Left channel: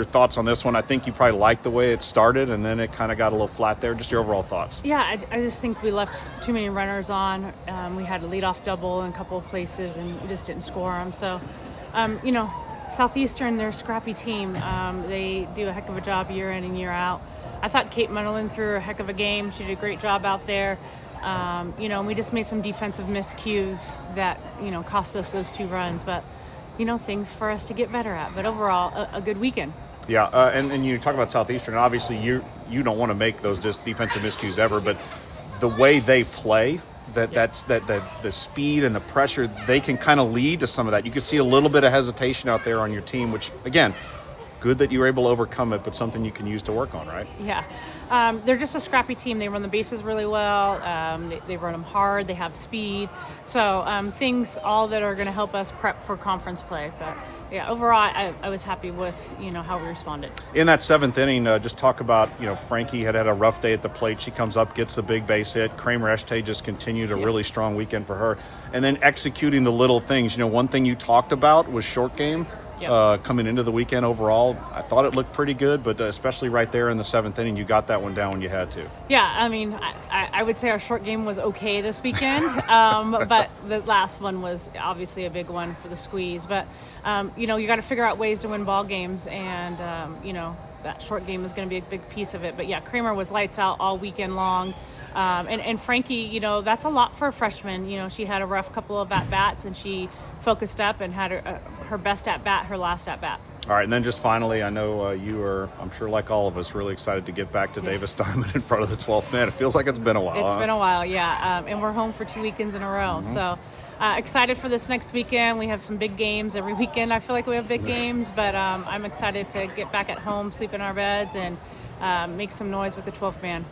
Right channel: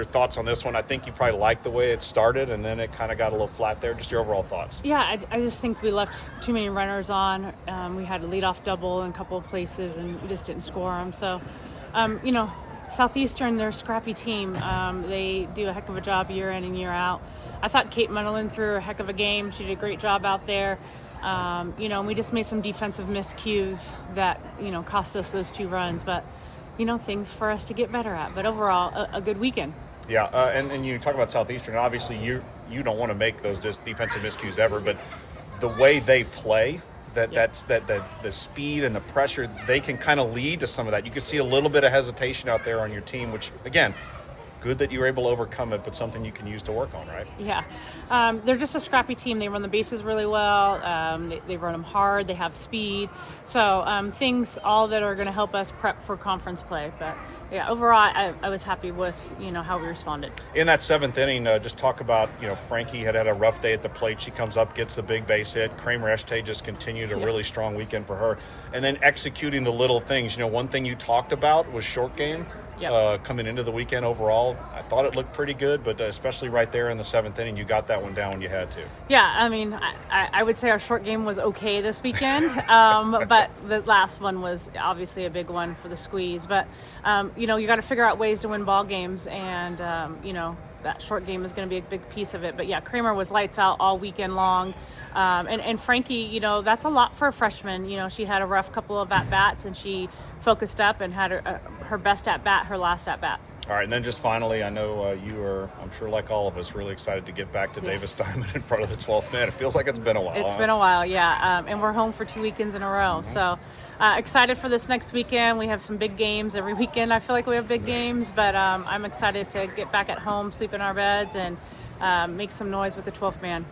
Your thoughts on this one? I think you probably liked the way it started, and then it kind of got a little flat there. Just your overall thoughts. Yeah, I just think we left too many runners on. We had a leadoff double in a couple of places, and we just didn't score them. So, Southeastern, they're a scrappy team. They do a heck of a job year in and year out. I thought Kate Munderland threw a heck of a game. She did a great job out there. And we just made some defensive miscues that, cost us those 2 runs. But, things for us to get better at. But overall, a good weekend. Yeah, and you talk about Southeastern. Obviously, you don't want to make those just defensive miscues ever, but the way they play, the speed and the pressure, they can kind of lead to some of that. You can see a little bit of hesitation out there on your team, which again, good that you were able to overcome it, but something you can use to work on, right? Yeah, they're just a scrappy team. They run the bases really well. They run them hard. They have speed. So things all that are going to help us prep for conference play, but. Yeah, overall, I was happy with, how we responded. In that 7th inning, just talk about, Frankie had a rough day at the plate. She comes up, gets the big base hit. Kramer Eshte just continued a really strong weekend for her. And then executing the little things. One thing you talked about was short game. Coming into the weekend overall, I thought it looked pretty good, but especially right there in the 7th inning, you got that one down when you had to. Yeah, I mean, I would say our short game was okay this weekend, but the last one was obviously a big one for the squeeze. But, you got to figure out ways to win ball games, and, that short game is going to be a big piece of it. But, yeah, Kramer was lights out all weekend long. And Frankie, that's a lot for a freshman. She had a rough couple of at-bats, and she focused up and had her best at-bat, her last at-bat. All right, and then just finally, I know you are, I'm sure like all of us, really excited to get back to Davis Diamond in front of the 12th man. It feels like it's been a while. It's been a while, yeah. And we're home for 2 weekends in a row. So excited for this next weekend. We have some big games every weekend. I feel like we have big games, but I'm excited to get back at home, sleep in our beds, and make some noise with the 12th man.